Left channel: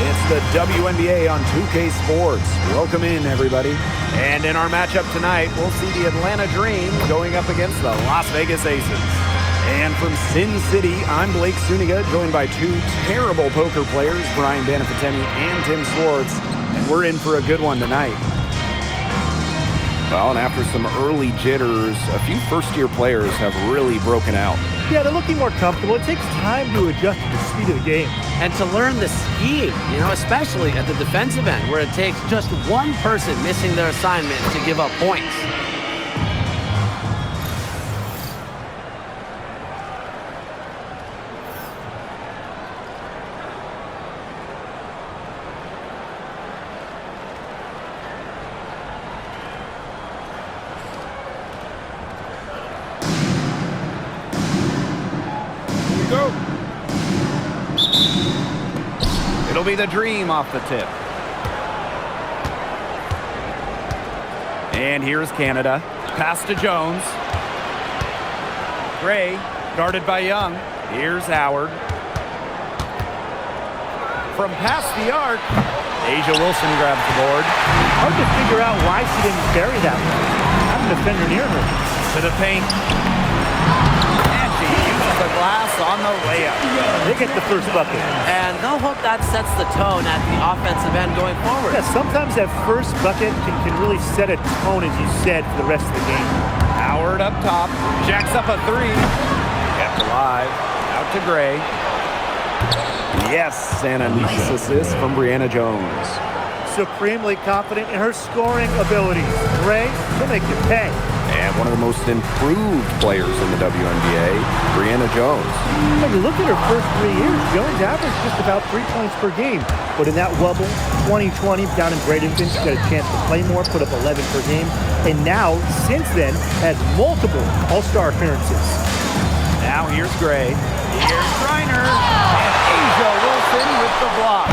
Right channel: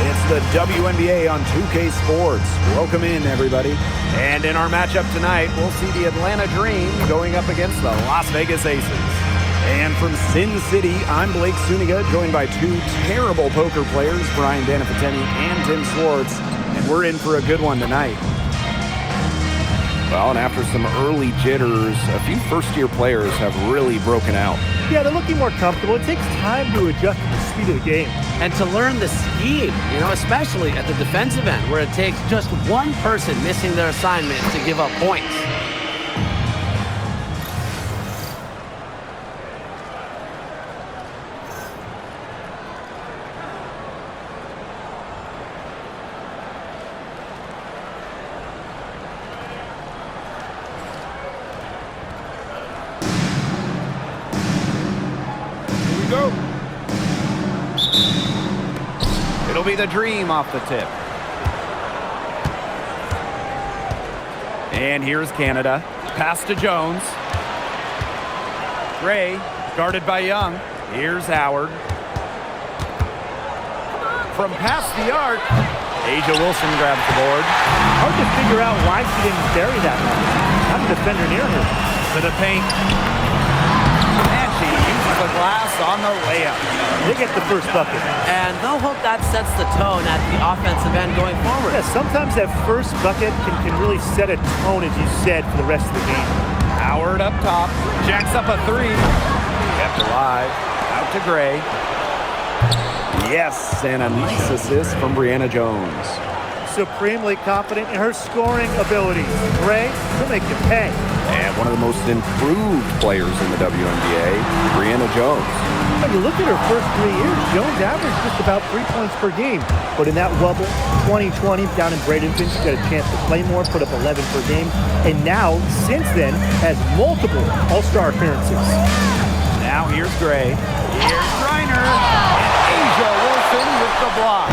It's the WNBA on 2K Sports. Welcome in, everybody. And in our matchup tonight, we'll see the Atlanta Dream going up against the Las Vegas Aces. And from Sin City, I'm Blake Suniga, joined by two terrible poker players, Brian Banafiteni and Tim Swartz. And we're in for a good one tonight. Well, and after some early jitters, a few first-year players have really broken out. Yeah, they're looking more comfortable. It takes time to adjust to the speed of the game. And to learn the scheme, especially at the defensive end, where it takes just one person missing their assignment to give up points. Go. It'll be the Dream off the tip. And here's Canada. Pass to Jones. Gray, guarded by Young. Here's Howard. From past the arc, Asia Wilson grabs the board. Hard to figure out why she didn't bury that one. Not a defender near her. To the paint. She uses the glass on the layup. They get the first bucket. And they'll hope that sets the tone at the offensive end going forward. Yeah, sometimes that first bucket can really set a tone, as you said, for the rest of the game. Howard up top, jacks up a three. Kept alive, out to Gray. Yes, and a nice assist from Brianna Jones. Supremely confident in her scoring abilities. Gray, she'll make you pay. And one of the most improved players in the WNBA, Brianna Jones. But you look at her first 3 years, Jones averaged just about 3 points per game. But in that wobble, 2020 down in Bradenton, she got a chance to play more, put up 11 per game. And now, since then, has multiple All-Star appearances. Now here's Gray. Here's Reiner. And Asia Wilson with the block.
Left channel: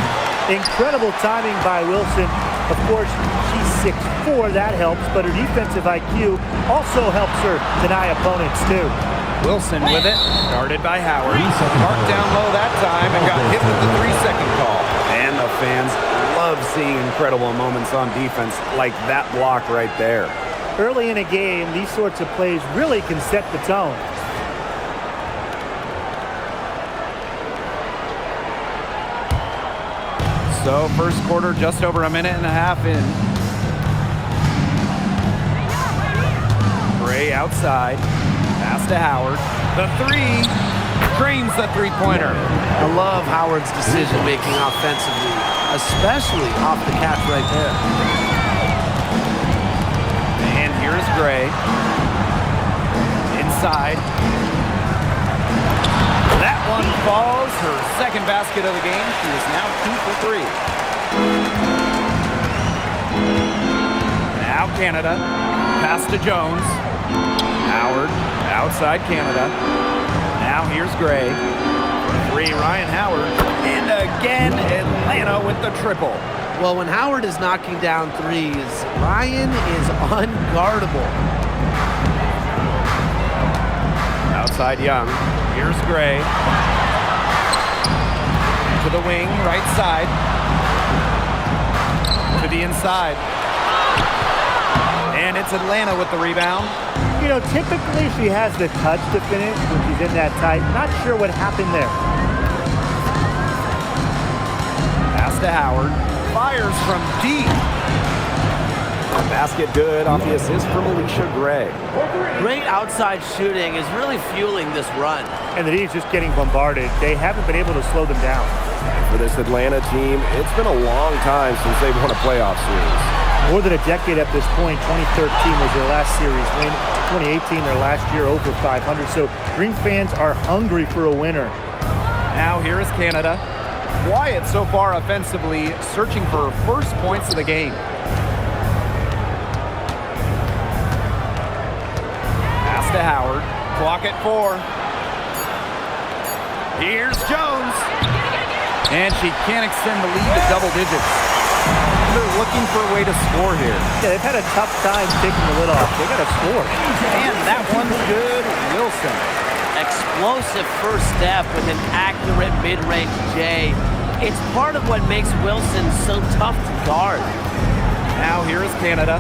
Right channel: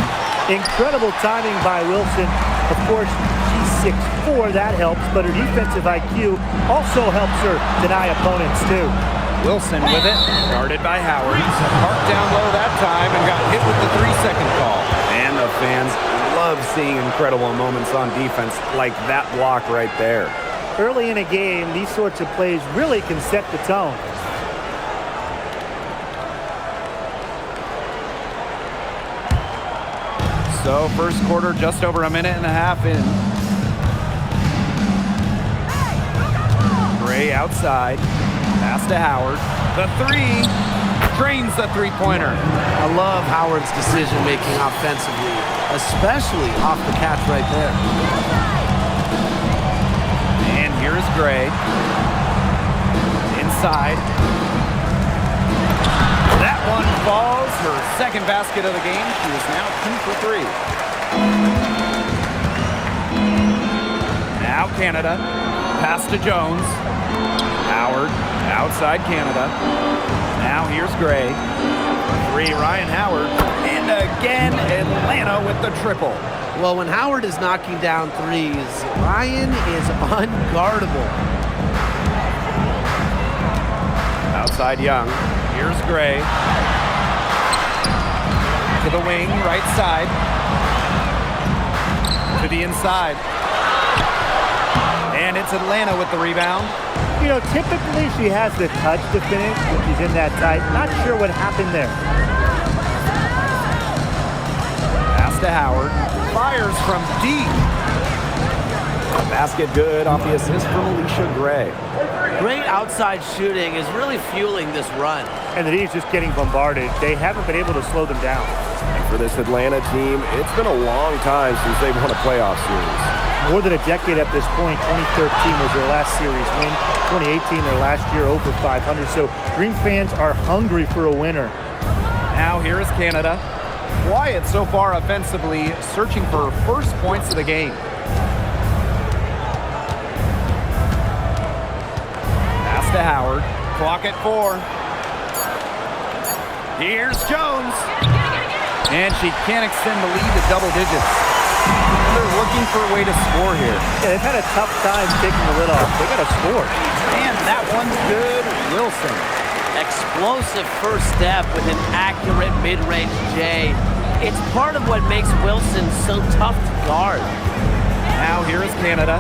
Incredible timing by Wilson. Of course, she's 6'4", that helps, but her defensive IQ also helps her deny opponents too. Wilson with it, guarded by Howard. Parked down low that time and got hit with the 3-second call. And the fans love seeing incredible moments on defense like that block right there. Early in a game, these sorts of plays really can set the tone. So first quarter, just over a minute and a half in. Gray outside. Pass to Howard. The three. Drains the three-pointer. I love Howard's decision-making offensively, especially off the catch right there. And here's Gray. Inside. That one falls. Her second basket of the game. She is now 2 for 3. Now Canada. Pass to Jones. Howard. Outside Canada. Now here's Gray. For 3, Ryan Howard. And again, Atlanta with the triple. Well, when Howard is knocking down threes, Ryan is unguardable. Outside Young. Here's Gray. To the wing, right side. To the inside. And it's Atlanta with the rebound. Typically she has the touch to finish when she's in that tight. Not sure what happened there. Pass to Howard. Fires from deep. A basket good off the assist from Alicia Gray. Great outside shooting is really fueling this run. And the D's just getting bombarded. They haven't been able to slow them down. And for this Atlanta team, it's been a long time since they've won a playoff series. More than a decade at this point. 2013 was their last series win. 2018, their last year, over 500. So Dream fans are hungry for a winner. Now here is Canada. Quiet so far offensively, searching for her first points of the game. Pass to Howard. Clock at 4. Here's Jones. And she can't extend the lead to double digits. They're looking for a way to score here. Yeah, they've had a tough time taking the lid off. They got to score. And that one's good. Wilson. Explosive first step with an accurate mid-range J. It's part of what makes Wilson so tough to guard. Now here is Canada.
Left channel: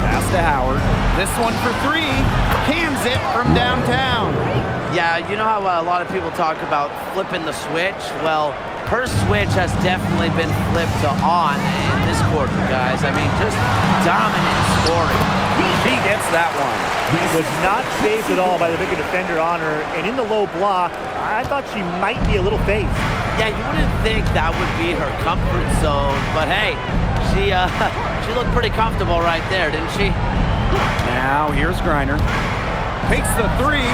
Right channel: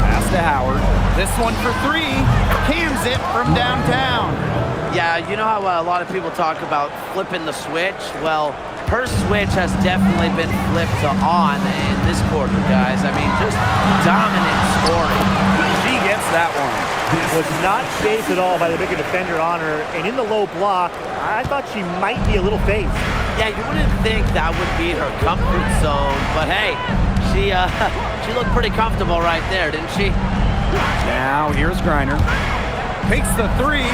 Pass to Howard. This one for three. Cans it from downtown. Yeah, you know how a lot of people talk about flipping the switch? Well, her switch has definitely been flipped to on in this quarter, guys. I mean, just dominant scoring. She gets that one. Was not phased at all by the bigger defender on her, and in the low block, I thought she might be a little phased. Yeah, you wouldn't think that would be her comfort zone, but hey, she looked pretty comfortable right there, didn't she? Now here's Griner. Takes the three,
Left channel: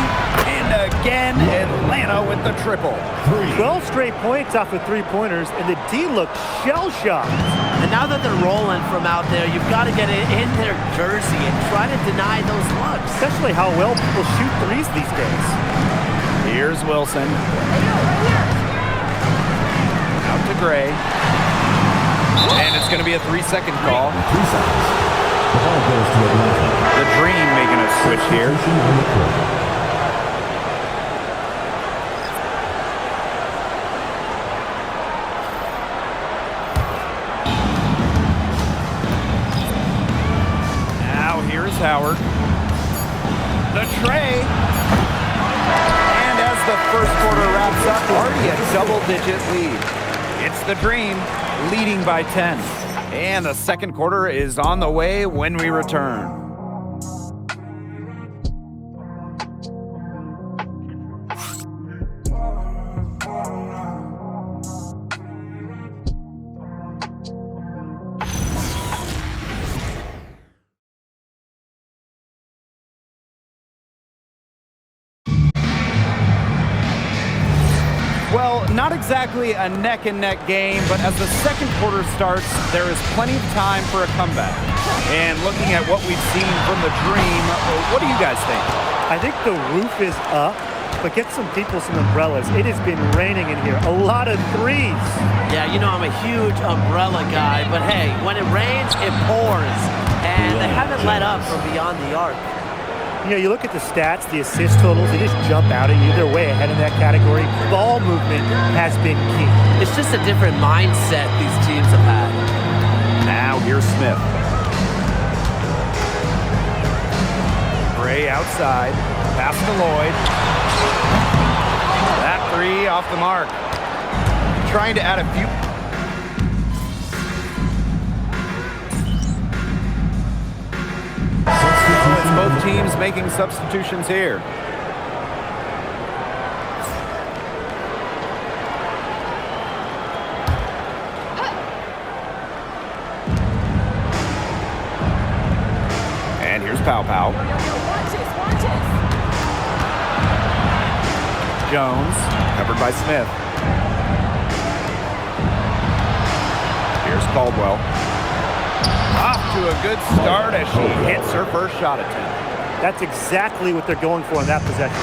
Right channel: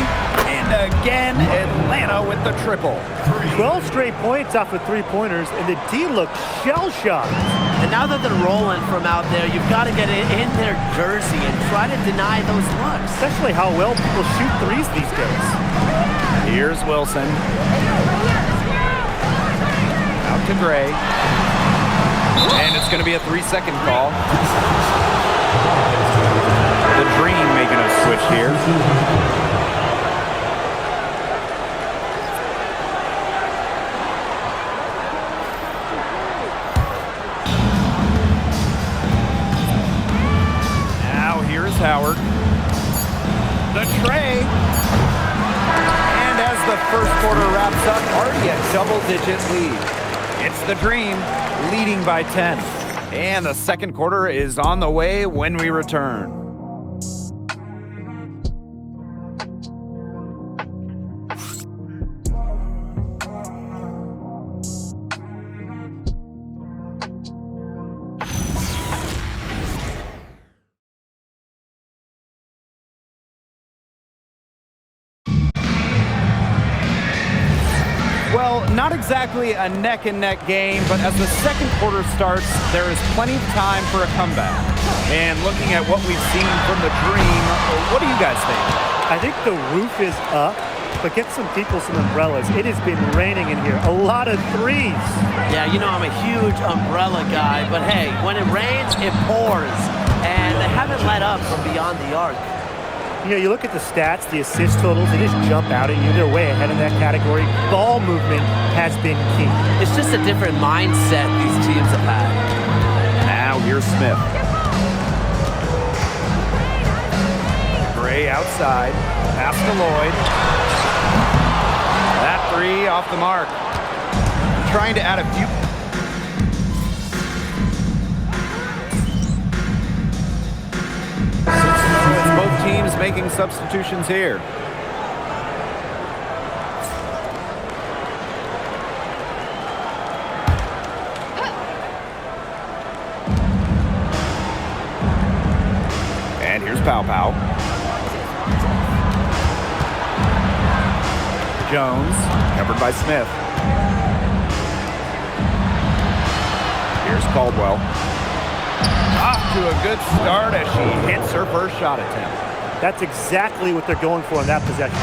and again, Atlanta with the triple. 12 straight points off of three-pointers, and the D looked shell-shocked. And now that they're rolling from out there, you've got to get it in their jersey and try to deny those looks. Especially how well people shoot threes these days. Here's Wilson. Out to Gray. And it's going to be a 3-second call. 3 seconds. The ball goes to Atlanta. The Dream making a switch here. Now here's Howard. The tray. And as the first quarter wraps up, already a double-digit lead. It's the Dream leading by 10. And the second quarter is on the way when we return. Well, not exactly a neck-and-neck game, but as the second quarter starts, there is plenty of time for a comeback. And looking at what we've seen from the Dream, what do you guys think? I think the roof is up, but get some people some umbrellas. It has been raining in here. A lot of threes. Yeah, you know I'm a huge umbrella guy, but hey, when it rains, it pours. And they haven't let up from beyond the arc. You know, you look at the stats, the assist totals, they just jump out at you. They're way ahead in that category. Ball movement has been key. It's just a different mindset these teams have had. Now here's Smith. Gray outside. Pass to Lloyd. That three off the mark. Trying to add a few. It's both teams making substitutions here. And here's Pow Pow. Jones, covered by Smith. Here's Caldwell. Off to a good start as she hits her first shot attempt. That's exactly what they're going for in that possession.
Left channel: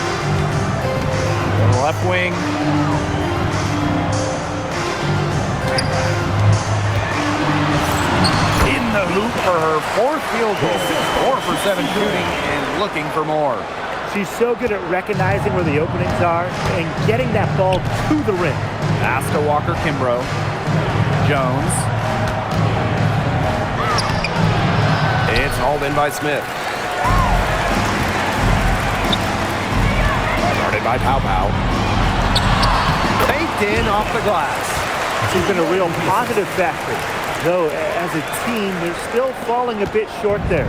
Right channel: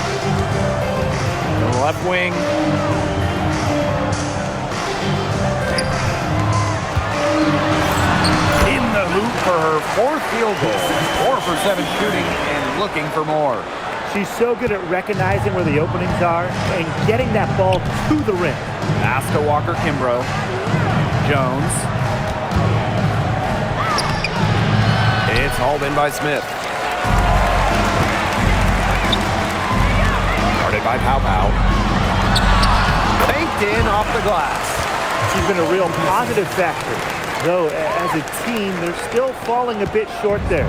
The left wing. In the hoop for her fourth field goal. 4 for 7 shooting and looking for more. She's so good at recognizing where the openings are and getting that ball to the rim. Pass to Walker-Kimbrough. Jones. It's hauled in by Smith. Guarded by Pow Pow. Banked in off the glass. She's been a real positive factor. Though, as a team, they're still falling a bit short there.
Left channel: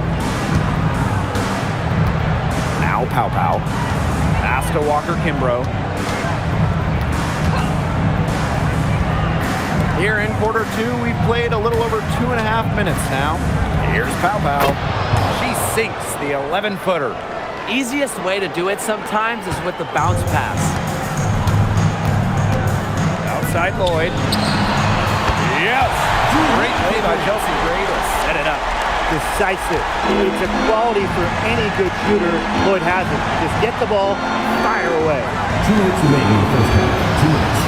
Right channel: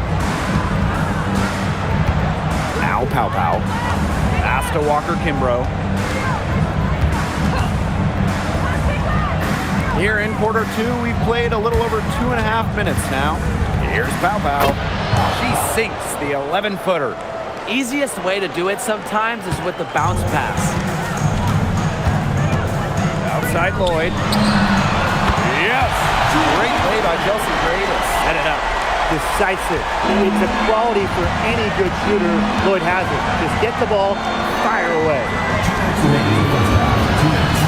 Now Pow Pow. Pass to Walker-Kimbrough. Here in quarter two, we've played a little over 2.5 minutes now. Here's Pow Pow. She sinks the 11-footer. Easiest way to do it sometimes is with the bounce pass. Outside Lloyd. Yes! Great play by Chelsea Gray to set it up. Decisive. It's a quality for any good shooter. Lloyd has it. Just get the ball, fire away. 2 minutes remaining in the first half. 2 minutes.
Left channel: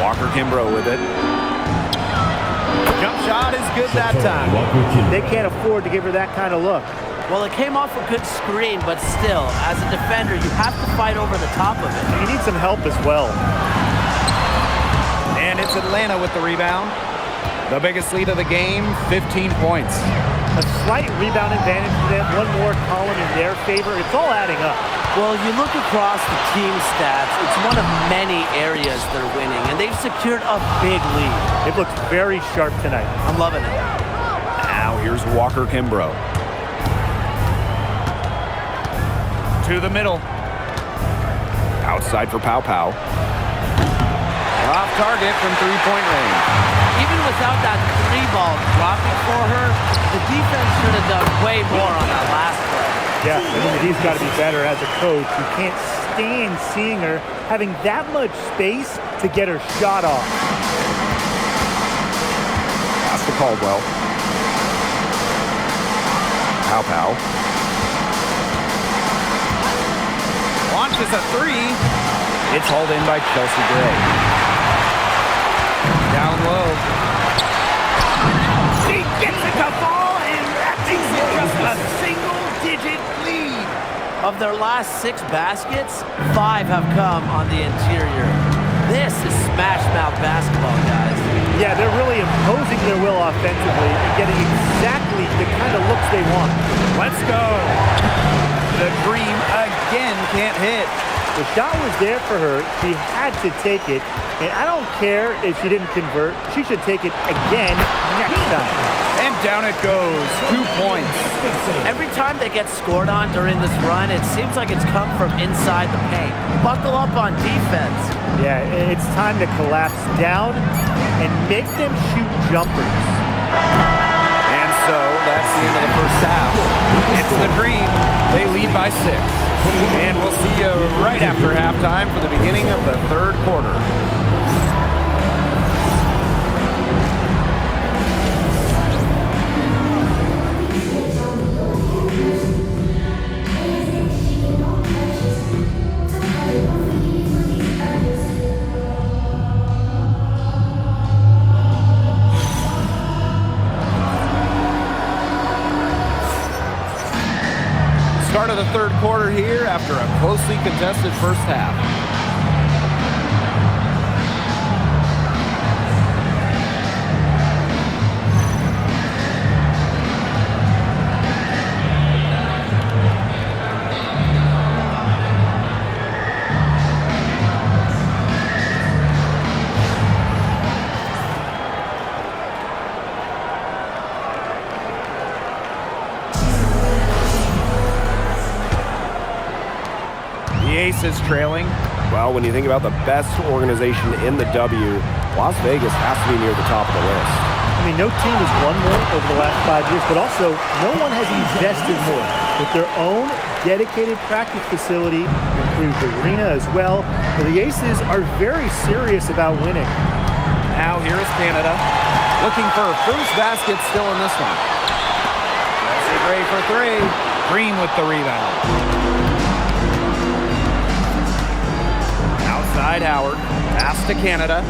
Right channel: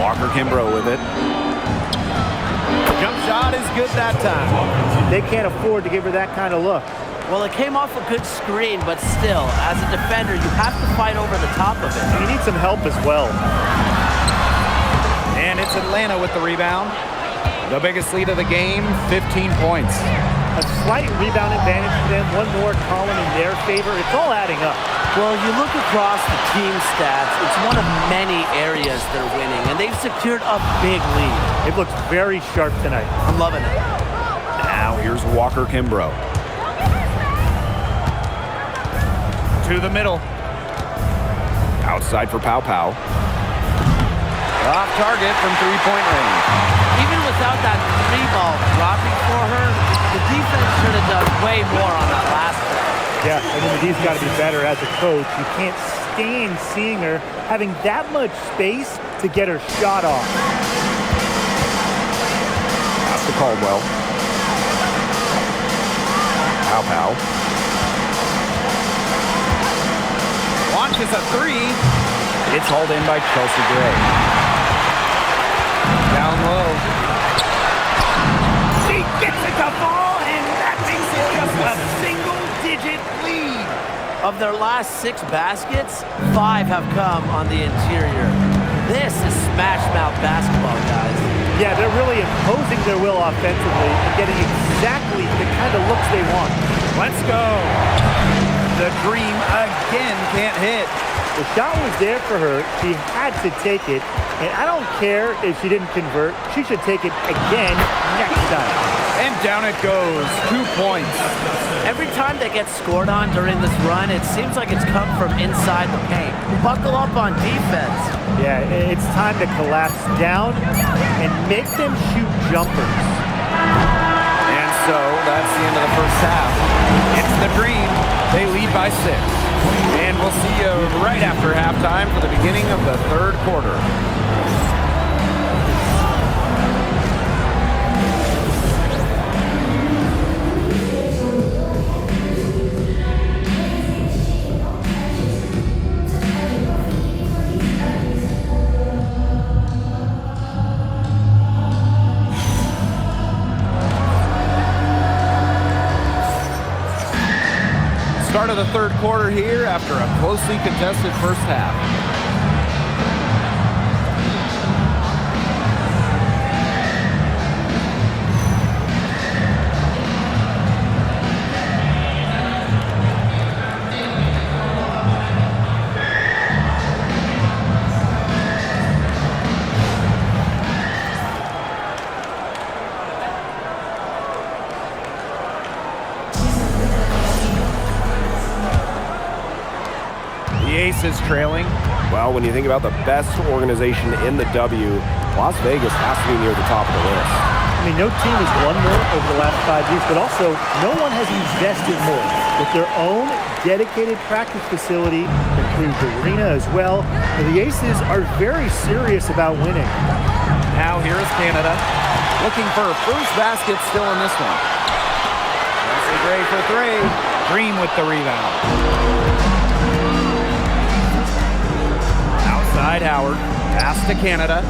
Walker-Kimbrough with it. Jump shot is good that time. They can't afford to give her that kind of look. Well, it came off a good screen, but still, as a defender, you have to fight over the top of it. And you need some help as well. And it's Atlanta with the rebound. The biggest lead of the game, 15 points. A slight rebound advantage for them. One more column in their favor. It's all adding up. Well, you look across the team stats, it's one of many areas they're winning, and they've secured a big lead. It looks very sharp tonight. I'm loving it. Now here's Walker Kimbrough. To the middle. Outside for Pow Pow. Off target from three-point range. Even without that three ball dropping for her, the defense should have done way more on that last play. Yeah, I mean, he's got to be better as a coach. You can't stand seeing her having that much space to get her shot off. Pass to Caldwell. Pow Pow. Launches a three. It's hauled in by Chelsea Gray. Down low. She gets it to fall, and that makes it just a single-digit lead. Of their last 6 baskets, 5 have come on the interior. This is smash-mouth basketball, guys. Yeah, they're really imposing their will offensively and getting exactly the kind of looks they want. Let's go. The Dream again can't hit. The shot was there for her. She had to take it. And I don't care if she didn't convert. She should take it again next time. And down it goes. 2 points. Every time they get scored on during this run, it seems like it's come from inside the paint. Buckle up on defense. Yeah, it's time to collapse down and make them shoot jumpers. And so that's the end of the first half. It's the Dream. They lead by 6. And we'll see you right after halftime for the beginning of the third quarter. Start of the third quarter here after a closely contested first half. The Aces trailing. Well, when you think about the best organization in the W, Las Vegas has to be near the top of the list. I mean, no team has won more over the last 5 years, but also no one has invested more. With their own dedicated practice facility, improved arena as well, the Aces are very serious about winning. Now here is Canada, looking for her first basket still in this one. Chelsea Gray for 3. Dream with the rebound. Outside Howard, pass to Canada.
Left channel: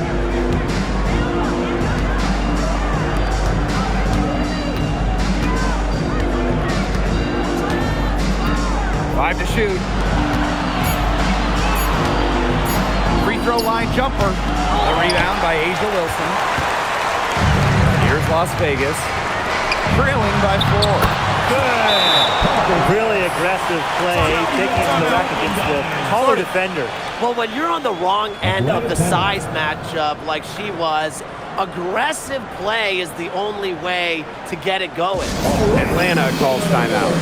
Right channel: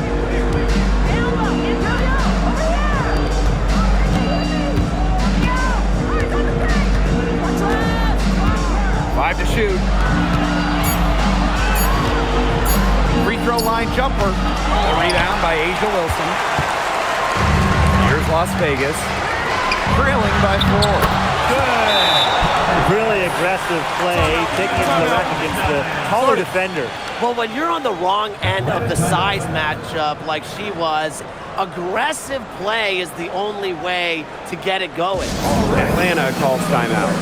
Five to shoot. Free throw line jumper. The rebound by Asia Wilson. Here's Las Vegas, trailing by 4. Good. Really aggressive play, taking it to the rack against the taller defender. Well, when you're on the wrong end of the size matchup like she was, aggressive play is the only way to get it going. Atlanta calls timeout.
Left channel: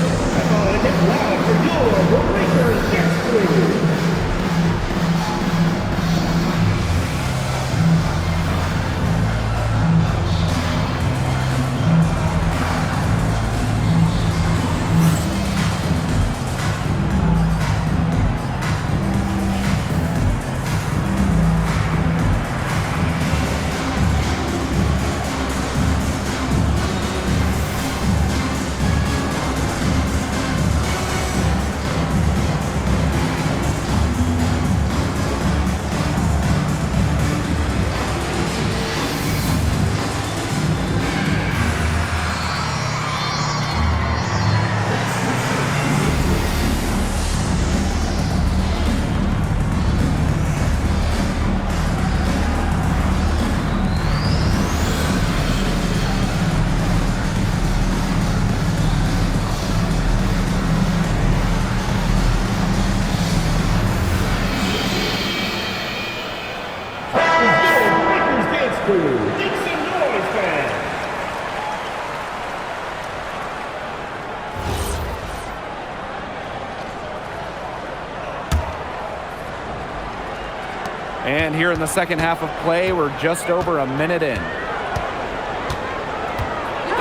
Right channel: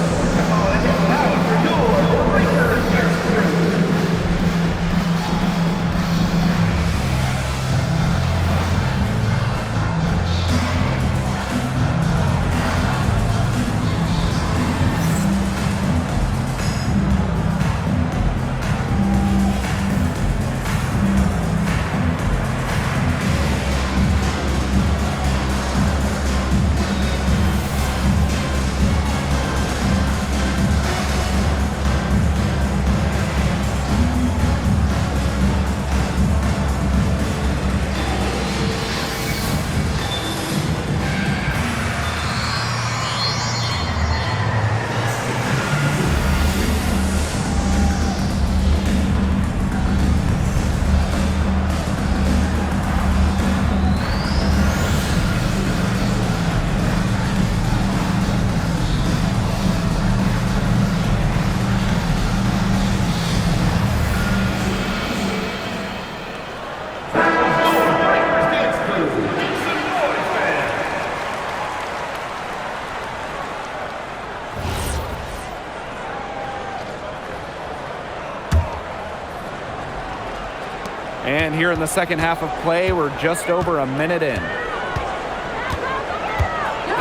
And here in the second half of play, we're just over a minute in.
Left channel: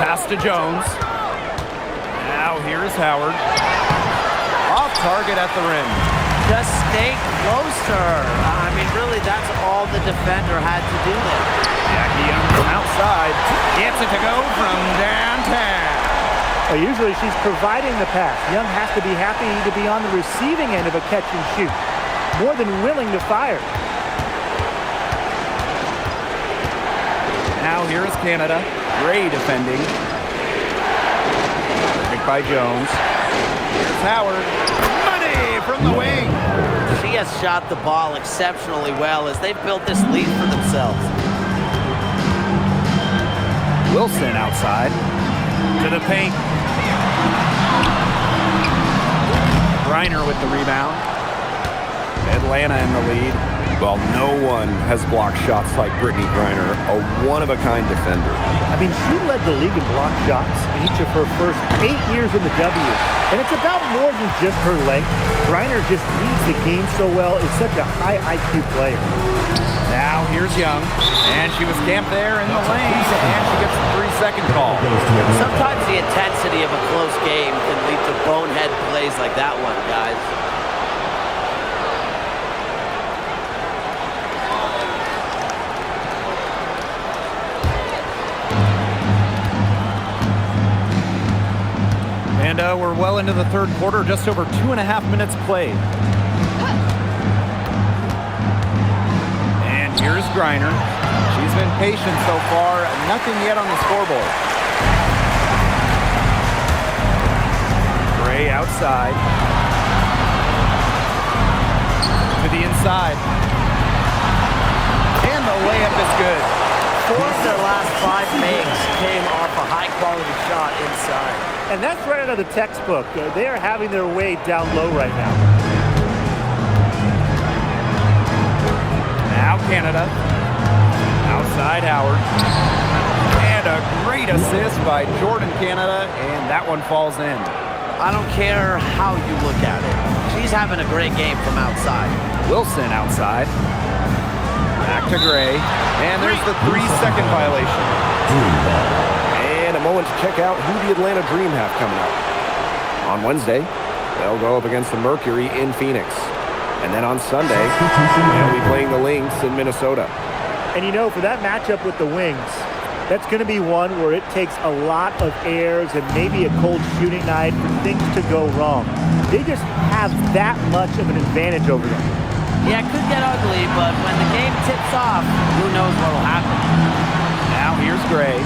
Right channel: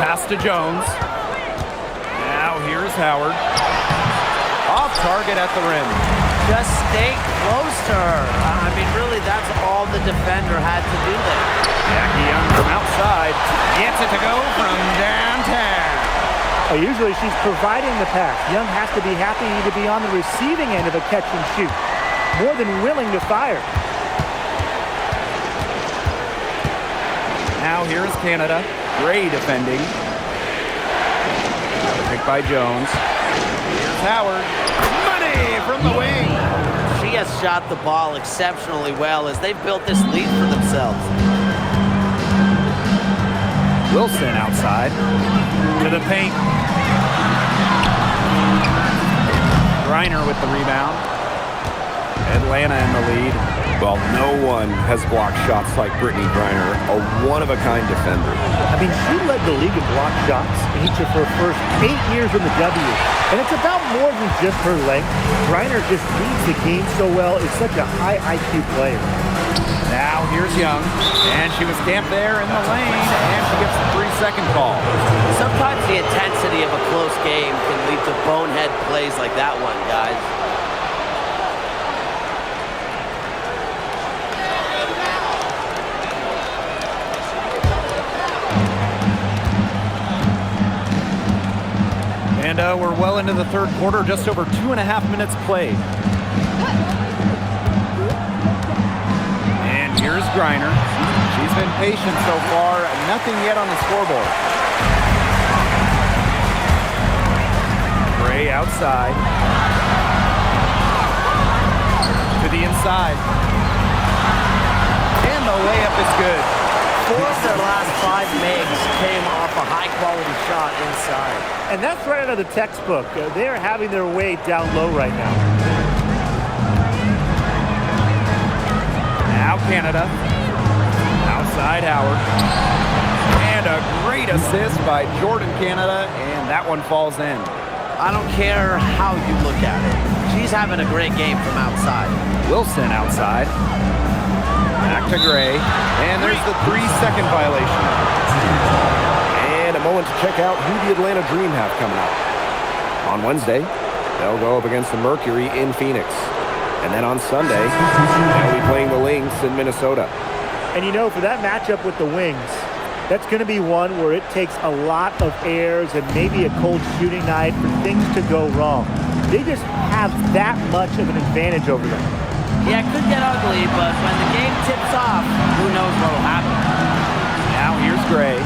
Pass to Jones. Now here's Howard. Off target at the rim. Just stay close to her. I mean, really, that's all the defender had to do there. Jackie Young from outside gets it to go from downtown. Well, usually she's providing the pass. Young has to be happy to be on the receiving end of a catch and shoot. More than willing to fire. Now here is Canada. Gray defending. Picked by Jones. Here's Howard. Money from the wing. She has shot the ball exceptionally well as they've built this lead for themselves. Wilson outside. To the paint. Griner with the rebound. Atlanta in the lead. Well, no one has blocked shots like Brittany Griner, a one-of-a-kind defender. I mean, she led the league in block shots in each of her first 8 years in the W. And it's about more than just her length. Griner just reads the game so well, is such a high IQ player. Now here's Young, and she was camped there in the lane, and she gets the 3-second call. Sometimes the intensity of a close game can lead to bonehead plays like that one, guys. And we're well into the third quarter, just over 2.5 minutes played. And here's Griner. She's been patient so far, nothing yet on the scoreboard. Gray outside. To the inside. And the layup is good. 4 of their last 5 makes came off a high-quality shot inside. And that's right out of the textbook. They are having their way down low right now. Now Canada. Outside Howard. And a great assist by Jordan Canada, and that one falls in. I don't care how you look at it. She's having a great game from outside. Wilson outside. Back to Gray. And there's the 3-second violation. And a moment to check out who the Atlanta Dream have coming up. On Wednesday, they'll go up against the Mercury in Phoenix. And then on Sunday, they'll be playing the Lynx in Minnesota. And you know, for that matchup with the Wings, that's going to be one where it takes a lot of errors and maybe a cold shooting night for things to go wrong. They just have that much of an advantage over them. Yeah, it could get ugly, but when the game tips off, who knows what will happen. Now here's Gray.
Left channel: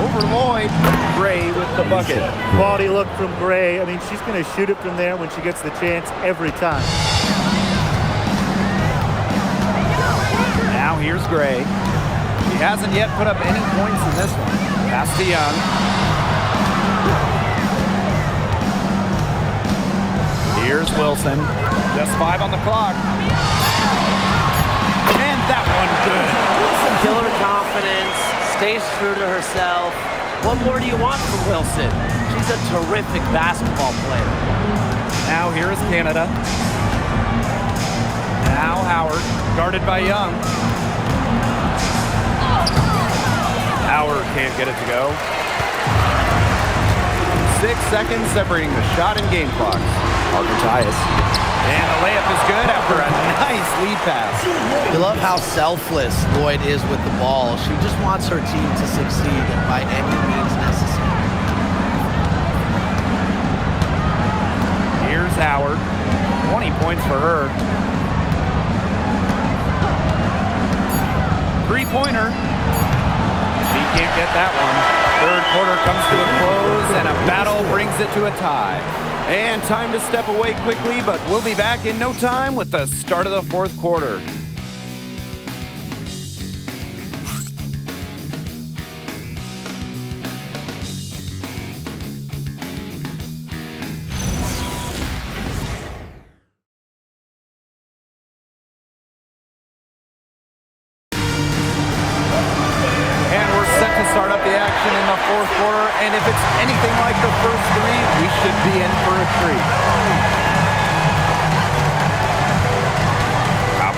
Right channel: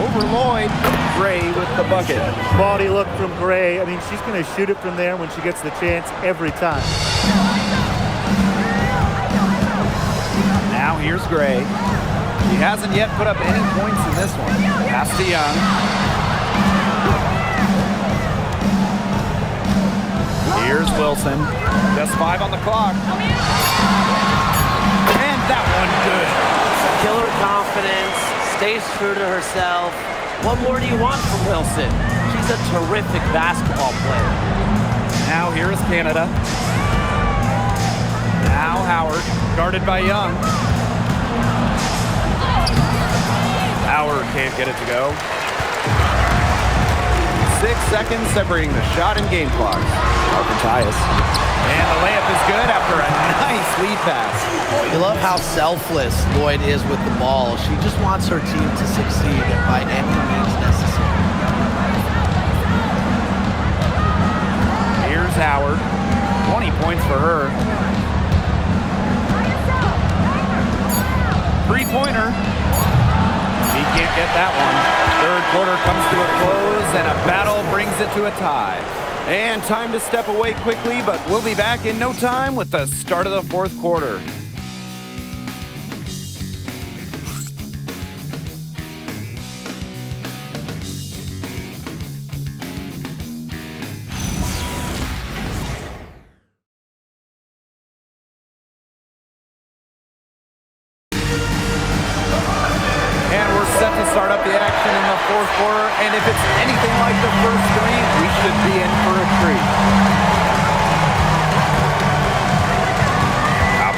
Over Lloyd. Gray with the bucket. Quality look from Gray. I mean, she's going to shoot it from there when she gets the chance every time. Now here's Gray. She hasn't yet put up any points in this one. Pass to Young. Here's Wilson. Just 5 on the clock. And that one good. Killer confidence, stays true to herself. What more do you want from Wilson? She's a terrific basketball player. Now here is Canada. Now Howard, guarded by Young. Howard can't get it to go. 6 seconds separating the shot and game clocks. Harper Tyus. And the layup is good after a nice lead pass. You love how selfless Lloyd is with the ball. She just wants her team to succeed by any means necessary. Here's Howard. 20 points for her. 3-pointer. She can't get that one. Third quarter comes to a close, and a battle brings it to a tie. And time to step away quickly, but we'll be back in no time with the start of the fourth quarter. set to start up the action in the fourth quarter, and if it's anything like the first three, we should be in for a treat.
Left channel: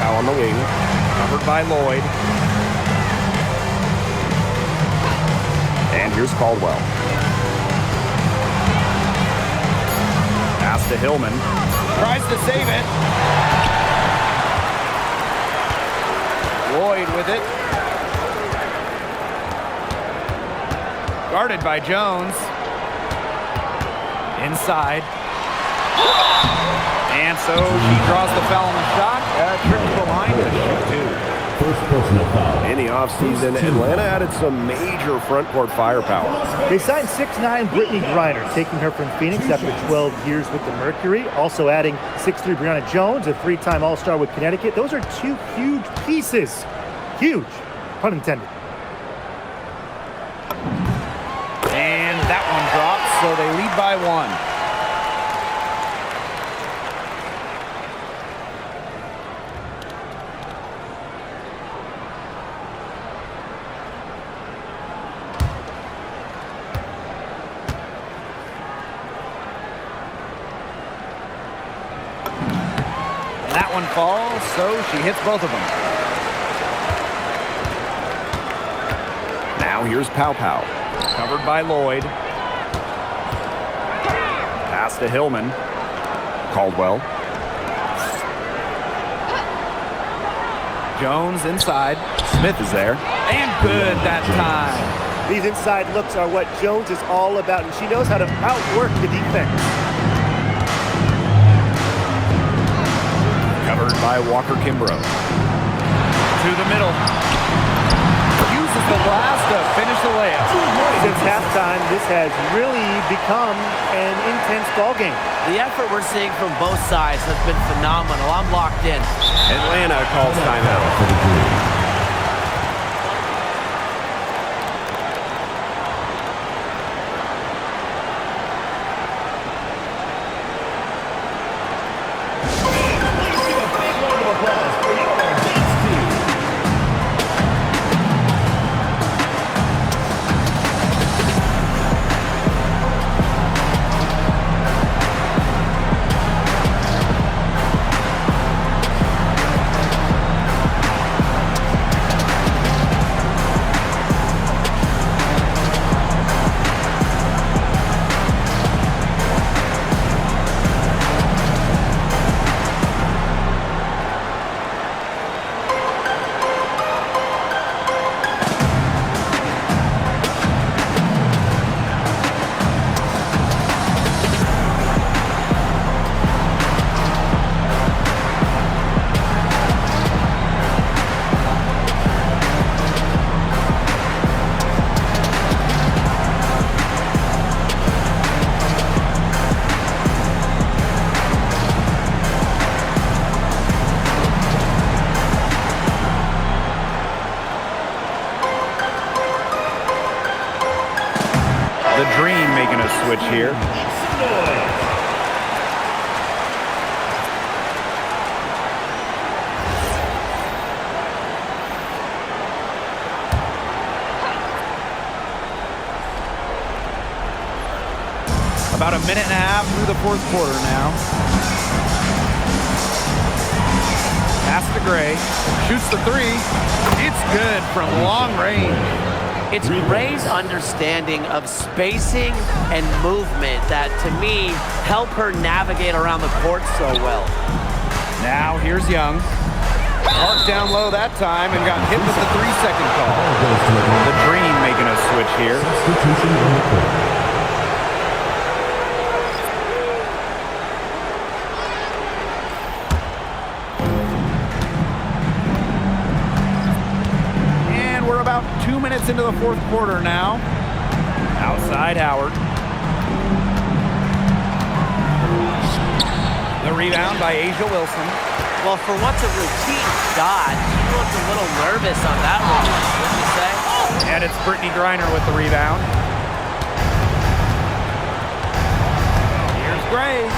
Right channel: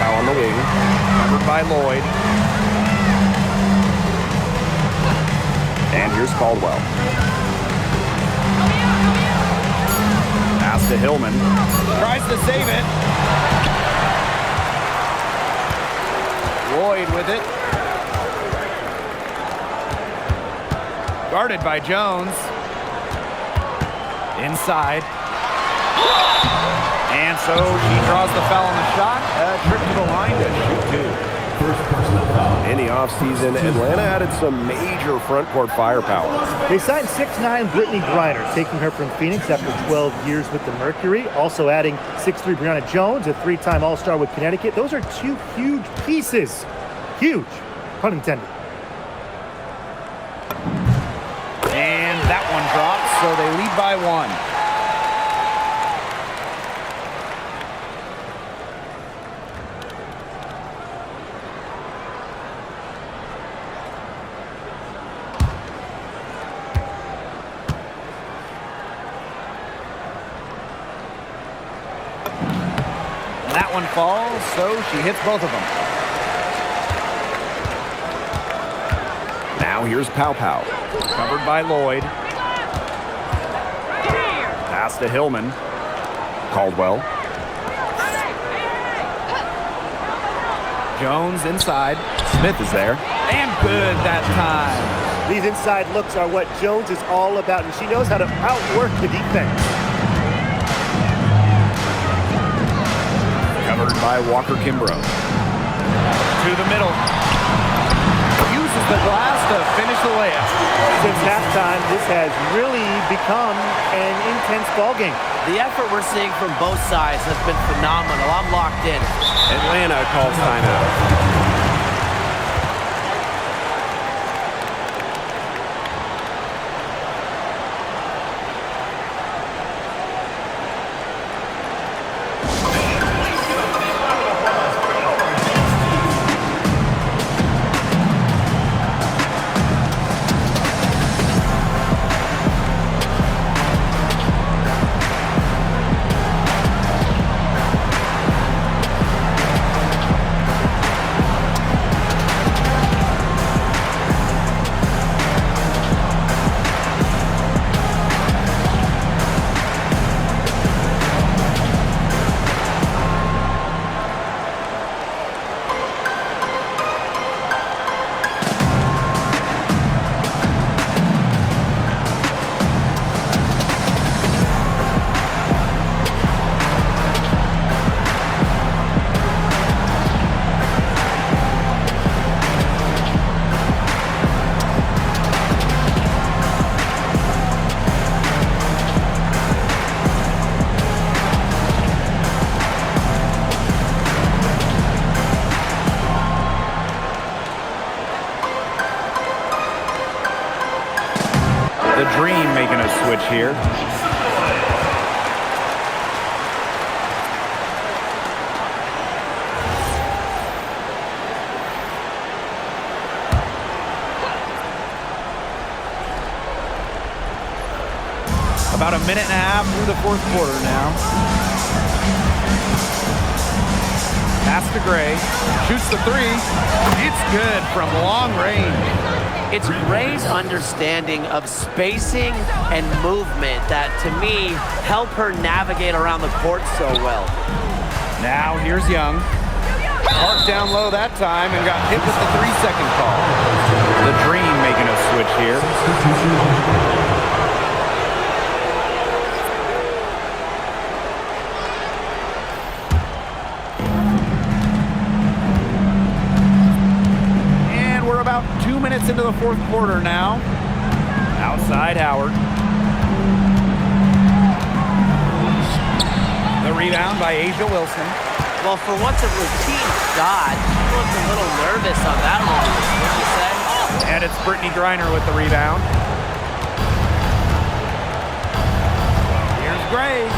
Pow on the wing. Covered by Lloyd. And here's Caldwell. Pass to Hillman. Tries to save it. Lloyd with it. Guarded by Jones. Inside. And so she draws the foul on the shot. A trip to the line to shoot two. First personal foul. In the offseason, Atlanta added some major front court firepower. They signed 6'9" Brittany Griner, taking her from Phoenix after 12 years with the Mercury. Also adding 6'3" Brianna Jones, a three-time All-Star with Connecticut. Those are two huge pieces. Huge, pun intended. And that one drops, so they lead by one. And that one falls, so she hits both of them. Now here's Pow. Covered by Lloyd. Pass to Hillman. Caldwell. Jones inside. Smith is there. And good that time. These inside looks are what Jones is all about, and she knows how to outwork the defense. Covered by Walker Kimbrough. To the middle. Uses the glass to finish the layup. Since halftime, this has really become an intense ball game. The effort we're seeing from both sides has been phenomenal. I'm locked in. Atlanta calls timeout. For the Dream. The Dream making a switch here. About a minute and a half through the fourth quarter now. Pass to Gray. Shoots the three. It's good from long range. It's Gray's understanding of spacing and movement that, to me, help her navigate around the court so well. Now here's Young. Marked down low that time and got hit with the 3-second call. The Dream making a switch here. Substitution on the court. We're about 2 minutes into the fourth quarter now. Outside Howard. The rebound by Asia Wilson. Well, for what's a routine shot, she looked a little nervous on that release, wouldn't you say? And it's Brittany Griner with the rebound. Here's Gray.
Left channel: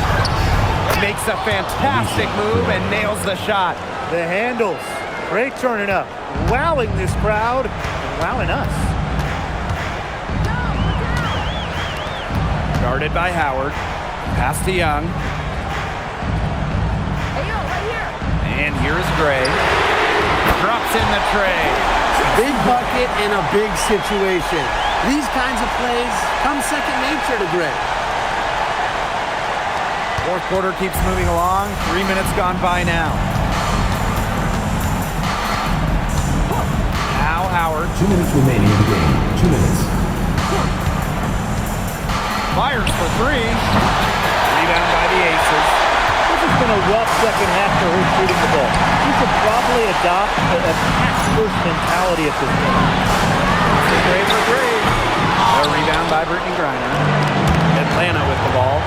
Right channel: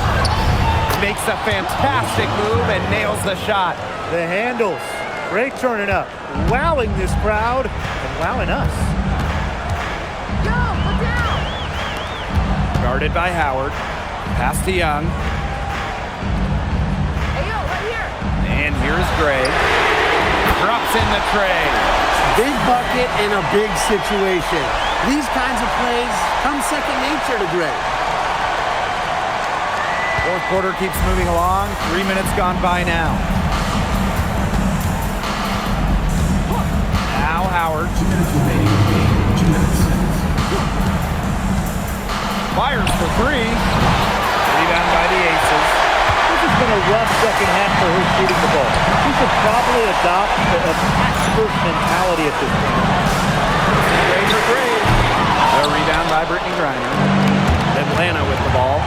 Makes a fantastic move and nails the shot. The handles. Gray turning up, wowing this crowd and wowing us. Guarded by Howard. Pass to Young. Hey, yo, right here. And here's Gray. Drops in the tray. Big bucket in a big situation. These kinds of plays come second nature to Gray. Fourth quarter keeps moving along. 3 minutes gone by now. Now Howard. 2 minutes remaining in the game. 2 minutes. Fires for three. Rebound by the Aces. This has been a rough second half for her shooting the ball. She should probably adopt a pass-first mentality at this point. Gray for three. A rebound by Brittany Griner. Atlanta with the ball.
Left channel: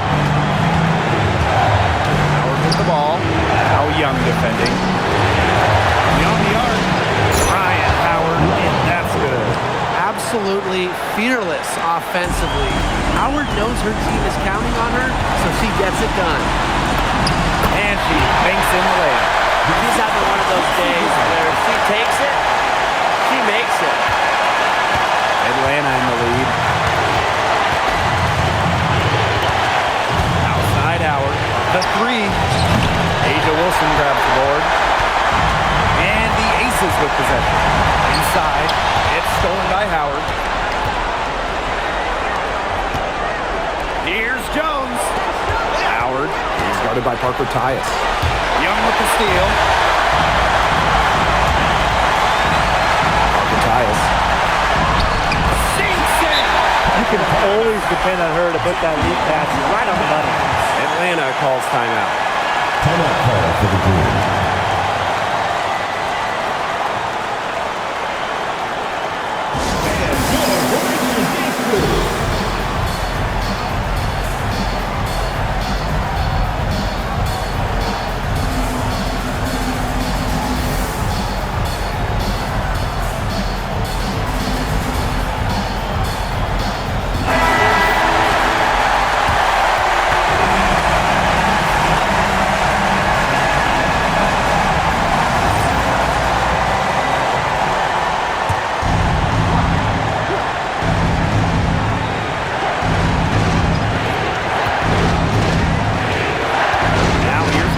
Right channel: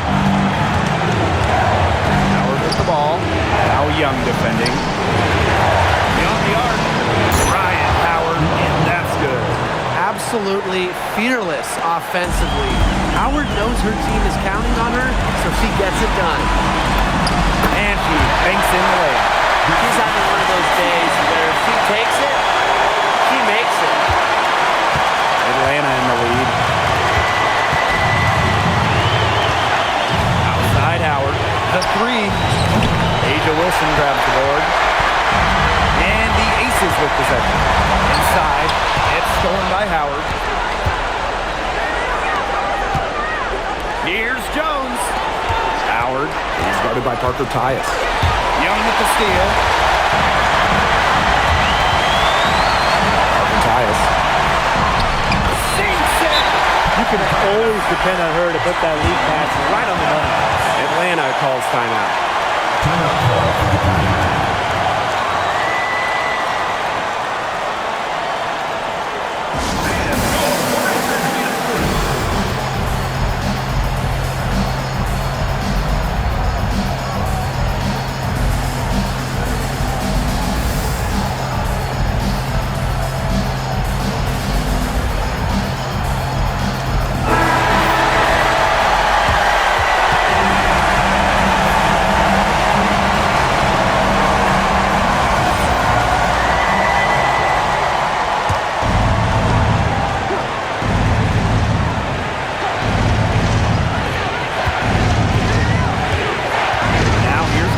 Howard with the ball. Now Young defending. Beyond the arc. Ryan Howard, and that's good. Absolutely fearless offensively. Howard knows her team is counting on her, so she gets it done. And she banks in the layup. She's having one of those days where if she takes it, she makes it. Atlanta in the lead. Outside Howard. The three. Asia Wilson grabs the board. And the Aces with possession. Inside. It's stolen by Howard. Here's Jones. Howard. He's guarded by Parker Tyus. Young with the steal. Parker Tyus. Sinks it. You can always depend on her to put that lead pass right on the money. Atlanta calls timeout. Timeout call for the Green.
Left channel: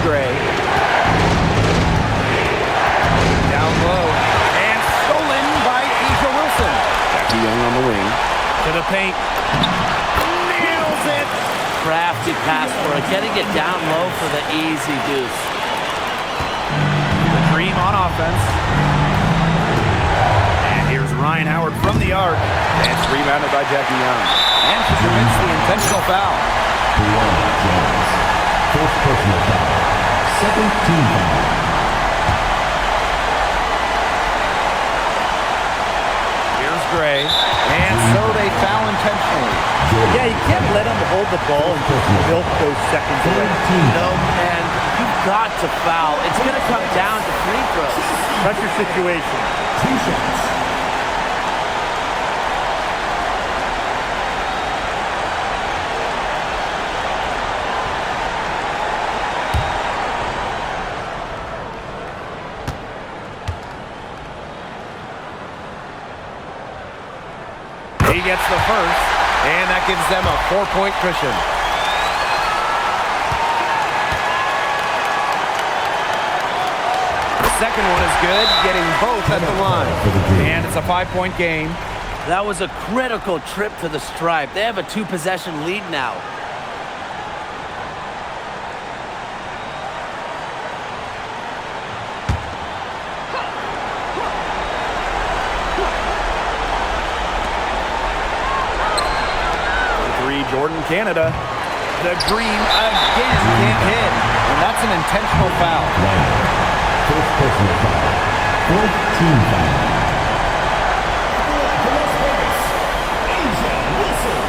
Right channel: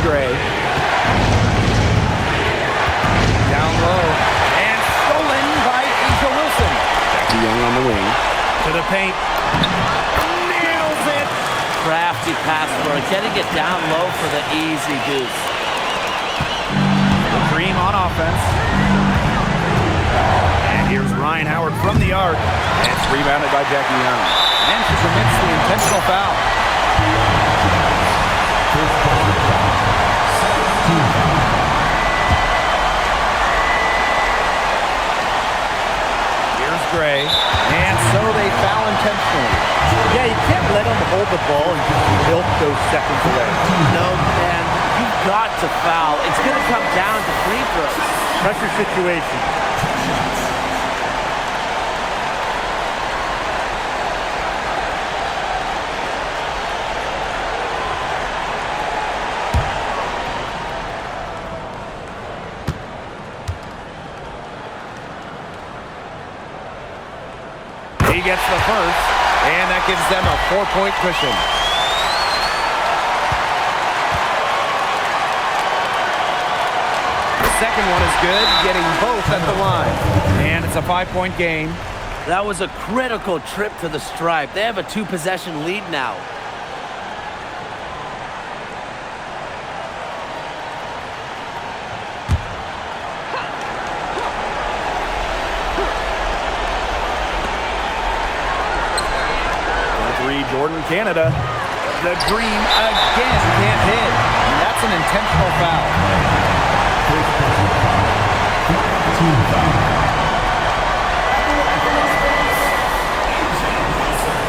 Gray. Down low. And stolen by Asia Wilson. Jackie Young on the wing. To the paint. Nails it. Crafty pass for it. Getting it down low for the easy deuce. The Dream on offense. And here's Ryan Howard from the arc. And it's rebounded by Jackie Young. And she commits the intentional foul. First personal foul. Second team foul. Here's Gray. And so they foul intentionally. Yeah, you can't let them hold the ball and just milk those seconds away. No, and you've got to foul. It's going to come down to free throws. Pressure situation. 2 shots. He gets the first, and that gives them a 4-point cushion. The second one is good, getting both at the line. And it's a 5-point game. That was a critical trip to the stripe. They have a 2-possession lead now. Jordan, Canada. The Dream again can't hit, and that's an intentional foul. First personal foul. Fourth team foul. At the line for Las Vegas, Asia Wilson.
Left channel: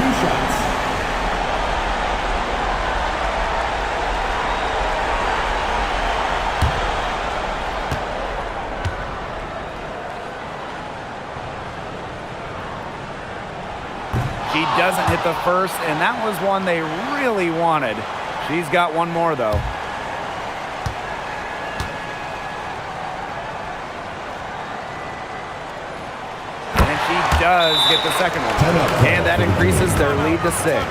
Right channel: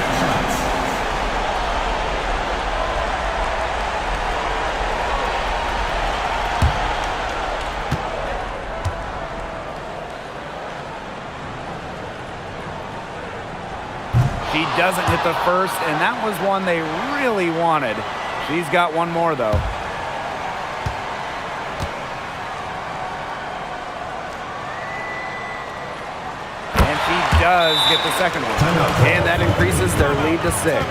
2 shots. She doesn't hit the first, and that was one they really wanted. She's got one more, though. And she does get the second one. And that increases their lead to 6.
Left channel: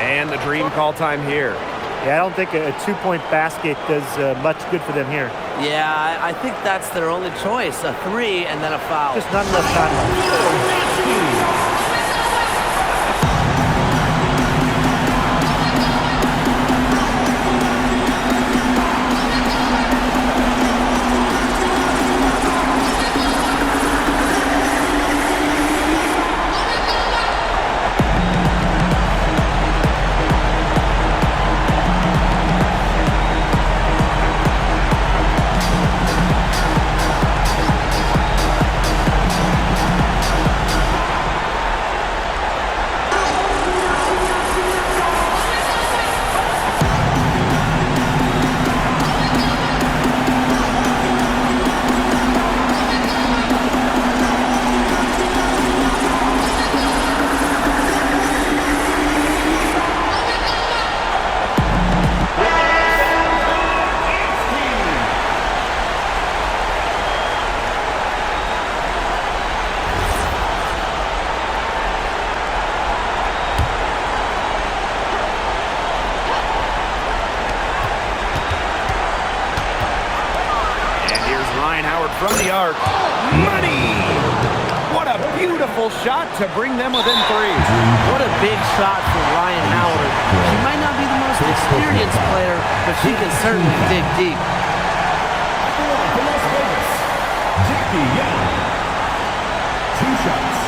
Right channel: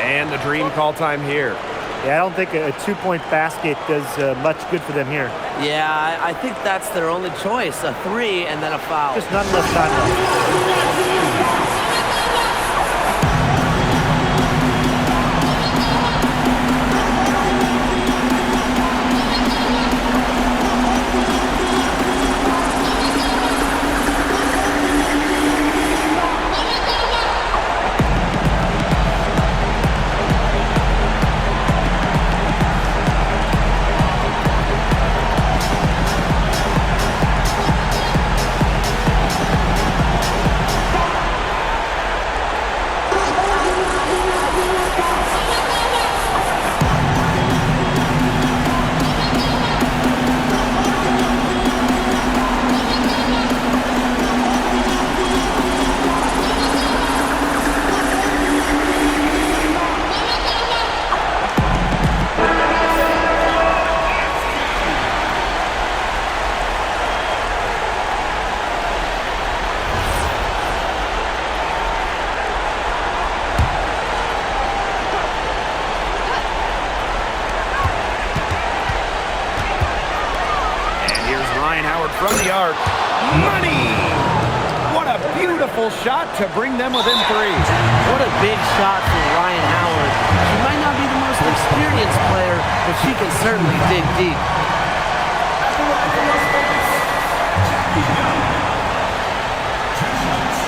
And the Dream call time here. Yeah, I don't think a two-point basket does much good for them here. Yeah, I think that's their only choice, a 3 and then a foul. Just not enough time left. From the arc. Money! What a beautiful shot to bring them within 3. What a big shot for Ryan Howard. She might not be the most experienced player, but she can certainly dig deep. At the line for Las Vegas, Jackie Young. 2 shots.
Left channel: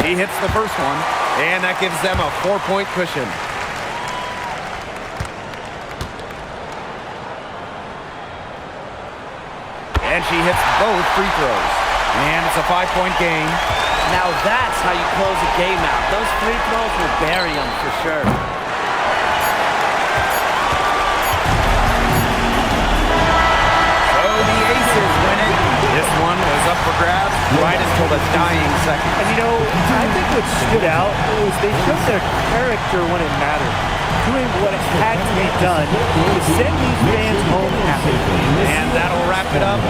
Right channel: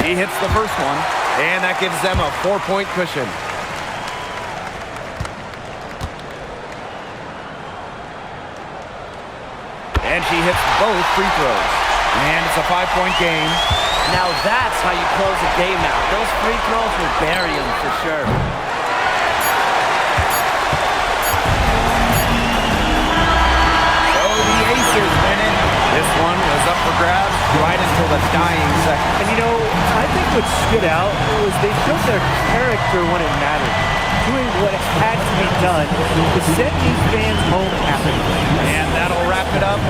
She hits the first one, and that gives them a 4-point cushion. And she hits both free throws. And it's a 5-point game. Now that's how you close a game out. Those free throws will bury them for sure. So the Aces win it. This one was up for grabs right until the dying second. And, you know, I think what stood out was they showed their character when it mattered, doing what had to be done to send these fans home happy. And that'll wrap it up